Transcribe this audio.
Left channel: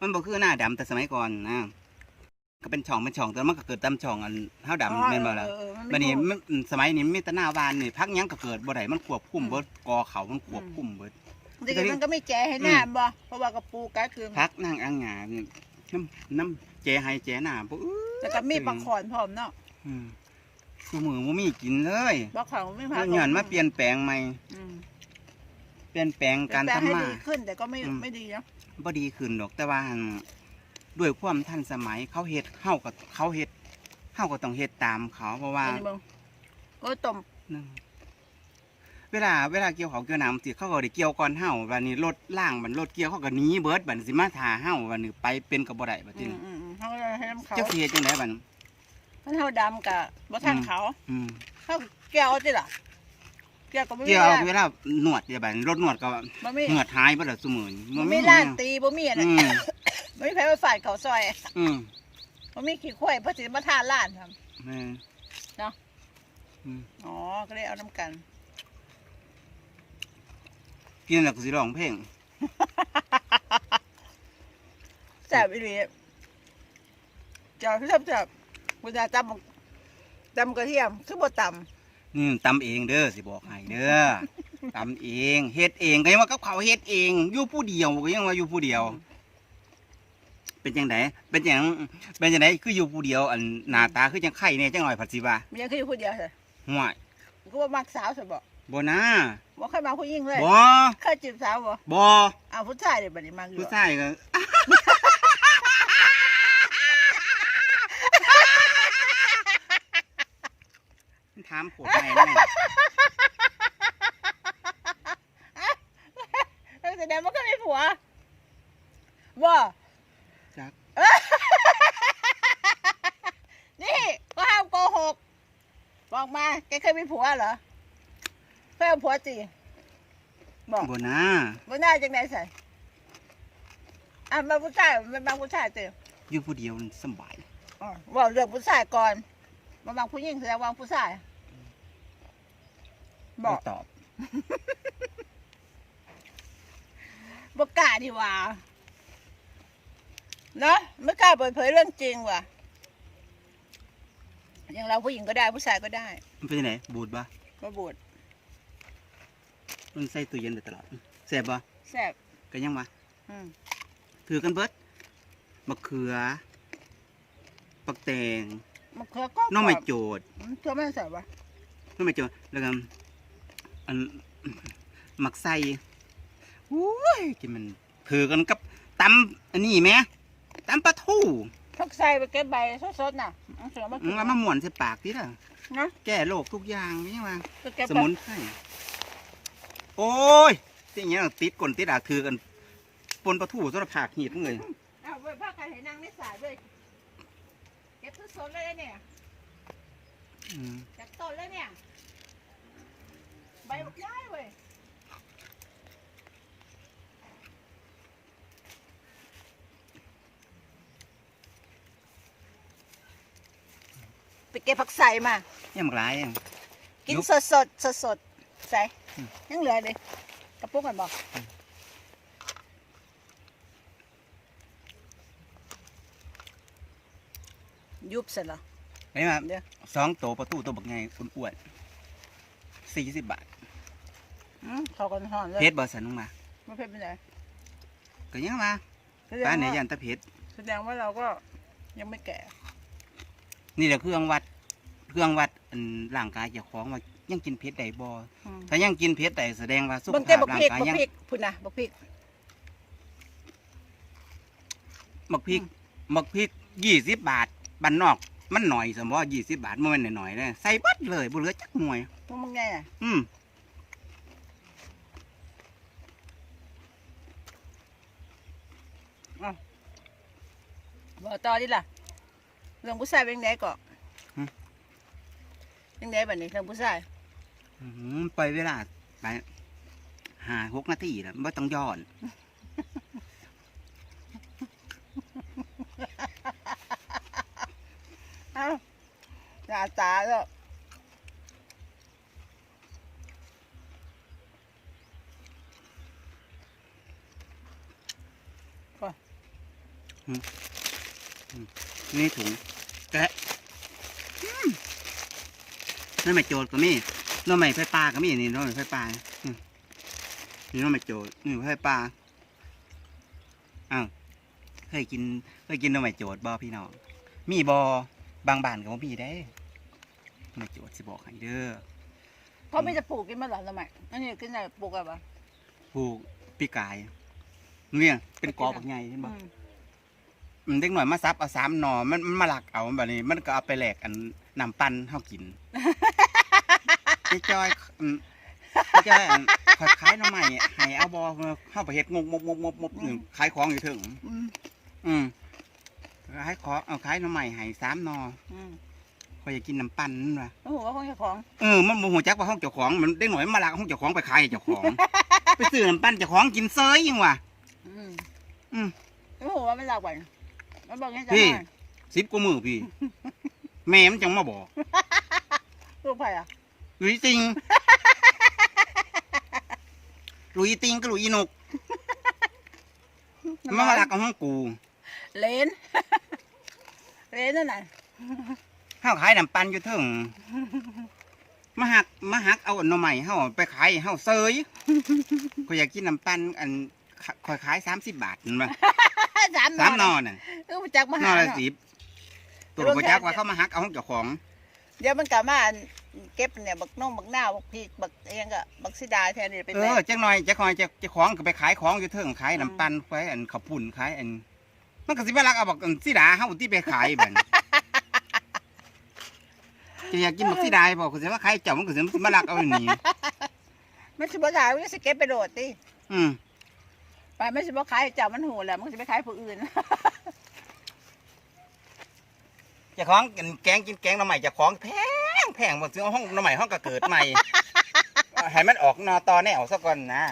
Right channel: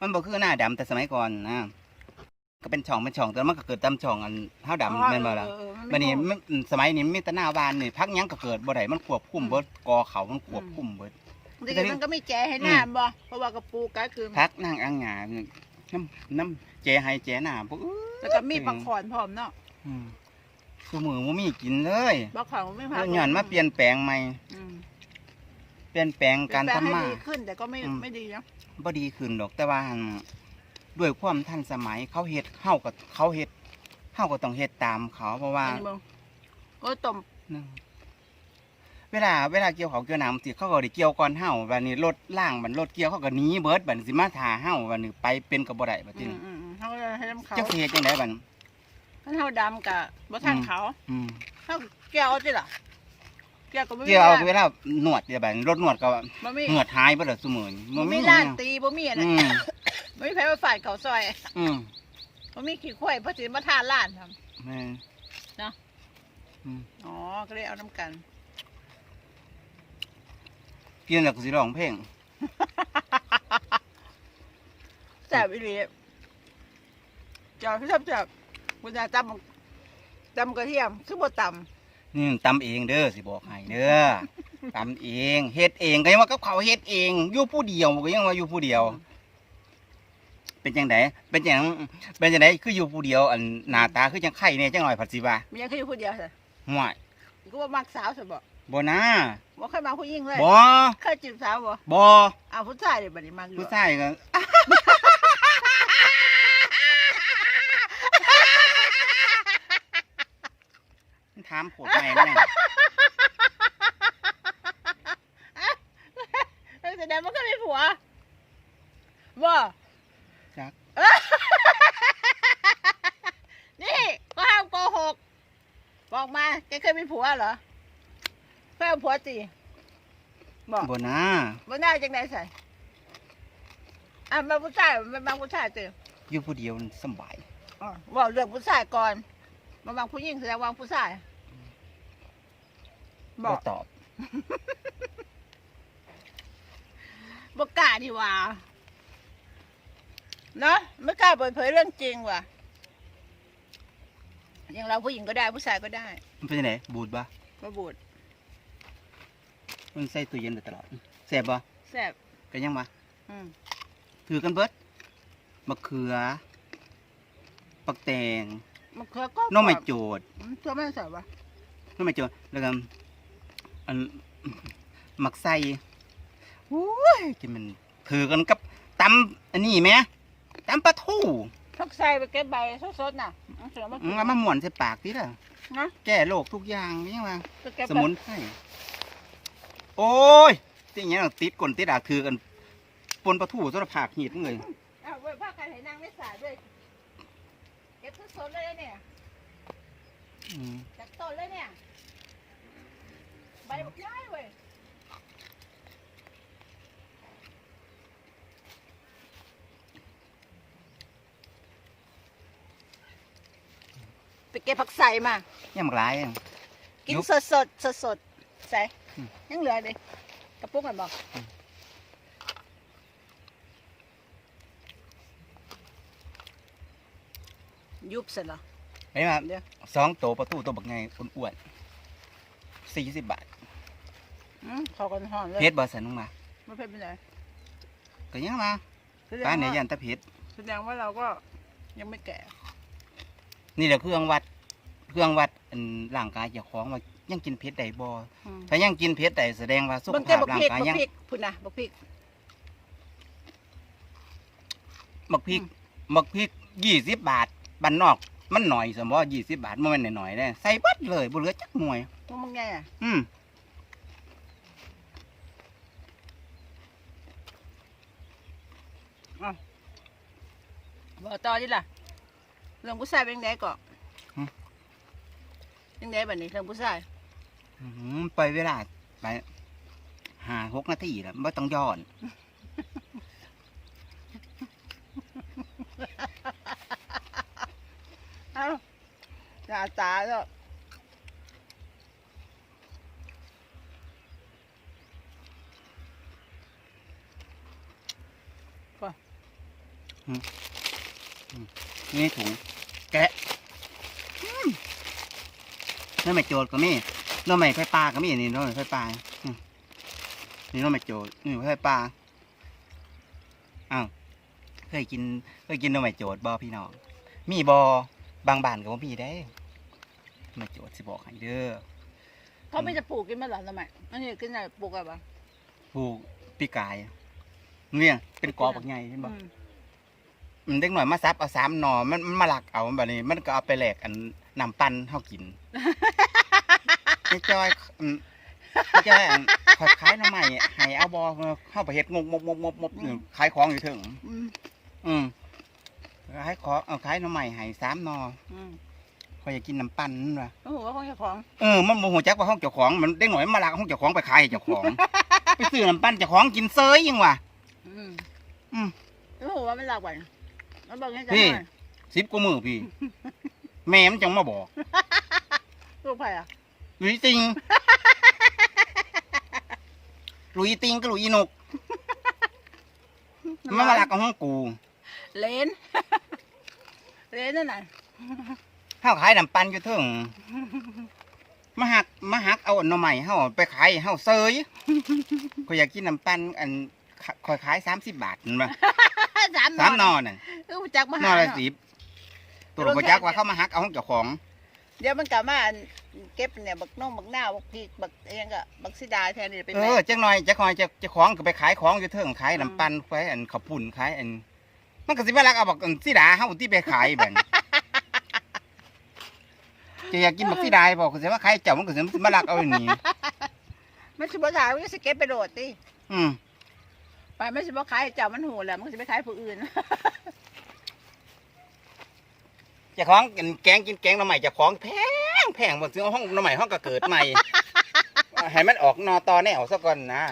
มันบ่คือหน้าดำแต่สมัยก่อนนะ ก็เป็นช่องเป็นช่องแต่มันก็เกิดตามช่องอันเฮาดำแม่นบ่ล่ะเออเออมับัดนี้ไม่มันสมัยนี้มีแต่หน้าบานนี่พักหยังก็เกิดบ่ได้มันควบคุมเบิดกอเขามันควบคุมเบิดพอจริงๆมันก็ไม่แจให้หน้าบ่เพราะว่ากระปูก็คือพักนั่งอังหยานี่น้ำน้ำเจให้เจหน้าบ่อื้อแล้วก็มีปังขอนพร้อมเนาะอืมคือมือบ่มีกินเลยปังขอนไม่พาเพิ่นย้อนมาเปลี่ยนแปลงใหม่อืม เปลี่ยนแปลงการเปลี่ยนทำแปลงมาให้ดีขึ้นแต่ก็ไม่อืมไม่ดีเนาะบ่ดีขึ้นดอกแต่ว่าหั่นด้วยความทันสมัยเขาเฮ็ดเฮาก็เขาเฮ็ดเฮาก็ต้องเฮ็ดตามเขาเพราะว่าอันนี้มึงโอ้ยต้มนึงเวลาเวลาเกี่ยวเขาวเกี่ยวน้ำสิเขาก็ได้เกี่ยวก่อนเฮาบัดนี้รถล่างบัดรถเกี่ยวเขาก็หนีเบิดบัดนี้สิมาท่าเฮาบัดนี้ไปเป็นก็บ่ได้บัดอืนี้มอืมอืมเขาก็เลยให้น้ำเขาจักสิเฮ็ดจังไดบัดนี้ท่านเฮาดำกับบ่ทันอืมเขาอืมเขาแก้วจิล่ะ แก้วก็ไม่มีเกี่ยวเอาร้านเวลาหนวดเดี๋ยวบัดนี้รถหนวดก็บ่มีเหงือดหายเบิดแล้วซุมื้อนี้บ่บ่มีมีร้านตีบ่มีอะไรอืมบ่มีใครมาฝ่ายเขาซอยอืมบ่มีขี้ข่อยเพราะสิมาทานร้านครับแม่นเนาะอืมอ๋อก็เลยเอาน้ำกัน กินแล้วก็สิร้องเพลงแซ่บอีหลีเจ้าพี่ชอบแซ่บกูจะตำตำกระเทียมคือบ่ต นี่ตำเองเด้อสิบอกให้เด้อตำเองเฮ็ดเองก็ยังว่ากับเขาวเฮ็ดเองอยู่ผู้เดียวก็ยังว่าอยู่ผู้เดียว เป็นจังไดเป็นจังเป็นจังไดคืออยู่ผู้เดียว อันหน้าตาคือจังไข่แน่จังหน่อยผัดสิว่าำมันยังคือผู้เดียวเลยห่วยกูว่ามักสาวซะบ่บ่นะบ่เคยมาผู้หญิงเลยบ่เคยจีบสาวบ่บ่เอาผู้ชายเลยบัดนี้มักอยู่ผู้ชายก็ามโคตรแม่แม่งเออแสดงว่าก็มีผัวบ่จักนี่ก็ห้ามโกหก บอกมาแกเคยมีผัวเหรอเคยเอาผัวจีบอกบ่นะบ่ได้จังไดใส่อะมาผู้ชายมาบางผู้ชายจีอยู่ผู้เดียวนี่สำบายอ๋อบอกเรื่องผู้ชายก่อนมาบางผู้หญิงแสดงว่าผู้ชาย บบ่อกตอบบ่กล้าดีว่าเนาะไม่กล้าเปิดเผยเรื่องจริงว่ะอย่างเราผู้หญิงก็ได้ผู้ชายก็ได้มันเป็นจังไดบูดบ่มาบูดมันใส่ตู้เย็นได้ตลอดแซ่บบ่แซ่บก็ยังว่าอืมถือกันเบิดมะเขือ ปักแตงมะเขือก็หน้องไม้โจดอืมตัวไม่ใส่ปะหน้องไม้โจดแล้วก็ อันหมักไส้โอ้ยกินมันถือกันกับตำอันนี้ไหมตำปลาทูพักใส่ไปเก็บใบสดๆน่ะเอาเสือมาอืกิมนแล้วมาหม่วนใส่ปากดิล่ะเนาะแก้โรคทุกอย่างนี่ว่าไปเก็บสมุนไพรโอ้ยที่อย่างเงี้ยติดก้นติดดากถือกันปนปลาทูสารพัดหีดเลยเอาไว้พักกันให้นางไม่สาด้วยเก็บสดๆเลยเนี่ยอืมเก็บต้นแล้วเนี่ยใบบักย้ายเว้ยไปเก็บผักใส่มา ยังหมากหลายอะกินยุบสดสดสดสดๆใส่อืม ยังเหลือเลยกระปุกกันบอกยุบเสร็จแล้วเห็นไหมเดี๋ยวสองโตวปลาทูตัวบักไงอ้วนๆสี่สิบบาทอืมเขากันห่อนเลยเพชรบอสันลงมาไม่เป็นไรก็ยังมาแสดงป้านไหนว่ายันตะเพชรแสดงว่าเราก็ยังไม่แก่นี่แหละเครื่องวัด เครื่องวัดอันร่างกายเจ้าของว่ายังกินเพชรได้บ่อืมถ้ายังกินเพชรได้แสดงว่าสุขเบิ่งเต้ภาพบักร่าพริงกกายบักยังพริกพุ่นนะบักพริกบักพริกอืมบักพริกยี่สิบบาทบ้านนอก มันหน่อยสมมติยี่สิบบาทมันไม่นหน่อยๆเลยใส่เบัดเลยบ่เหลือจักหน่วยพวกมึงไงอะอืมบอกต่อดิล่ะเรื่องผู้ชายเป็นไงก่อน ยังไงแบบนี้เรื่องผู้ชายอืมไปเวลาไปหาหกนาทีแล้วไม่ต้องย้อน เอ้าหน้าตาแล้วก่อนอืมอืมนี่ถุงแกะอืม น้ำไม่โจดก็มีน้ำไม่ไฟปลาก็มีนี่น้ำไม่ไฟปลาอืมนี่น้ำไม่โจดนี่ไฟปลาอ้าวเคยกินเคยกินน้ำไม่โจดบ่พี่น้องมีบ่บางบ้านก็บ่มีได้น้ำไม่โจดสิบอกให้เด้อเขาไม่จะปลูกกินมาหรอทำไมอันนี้กินอะไรปลูกอะไรบ้างผู้ปีกายเนี่ยเป็นกอบักใหญ่เห็นบ่มันเด็กหน่อยมาซับเอาสามหนอมันมันมาหลักเอาแบบนี้ มันก็เอาไปแหลกอันน้ำปั้นเฮากิน ไอ้จอยอืมไอ้จอยอันขอยขายหน้ำใหม่ให้เอาบอเข้าไปเฮ็ดงกมกมกมกมกอยู่ขายของอยู่ถึง อืมอืมขายของเอาขายหน้ำใหม่ให้สามหนออืมขอยอยากกินน้ำปั้นนั่นว่ะโอ้โหว่าของเจ้าของเออมันโมโหจักว่าห้องเจ้าของมันเด็กหน่อยมันมาหลักห้องเจ้าของไปขายให้เจ้าของ ไปซื้อน้ำปั้นเจ้าของกินเซยยังว่ะ อืมอืมโอ้โหว่ามันหลักวันมันบอกให้จังพี่ หน่อยสิบกว่ามือพี่ แม่มันจังมาบอก ลูกไผ่อะ หลุยติง หลุยติงก็หลุยนกมันมาลักเอาห้องกู เลน เลนนั่นน่ะเฮาขายน้ำปันอยู่เถิงมาหักมาหักเอาอันหน่อใหม่เฮาไปขายเฮาเซยก็อยากกินน้ำปันอันคอยขายสามสิบบาทนั่นมาสามสามหนอน่ะเออจักมาหนหาอละเนาะสิบตัวเราบ่จักว่าเขามาหักเอาห้องเจ้าของ เดี๋ยวมันกลับมาอัน เก็บเนี่ยบักน้องบักหน้าบักพริกบักเอียงกะบักซิดาแทนนี่เป็นเอไงอจักหน่อยจักหน่อยจะจะของก็ไปขายของอยู่เถิงขายน้ำปันขายอันข้าวปุ่นขายอัน มันก็สิมาลักเอาบักอันสิดาเฮาที่ไปขายบัดนี้จะอยากกินบักสีดายบอกคือสิว่าใครเจ้ามันก็สิมาลักเอาอย่างนี้มันสิบ่ถ่ายมันสิเก็บไปโดดติอืมไปมันสิบ่ขายให้เจ้ามันโหแหละมันสิไปขายผู้อื่นเจ้าของกินแกงกินแกงหน้ำใหม่เจ้าของแพง แพงหมดซื้อห้องหน้ำใหม่ห้องก็เกิดใหม่ให้มันออกนอตอแนวซะก่อนนะ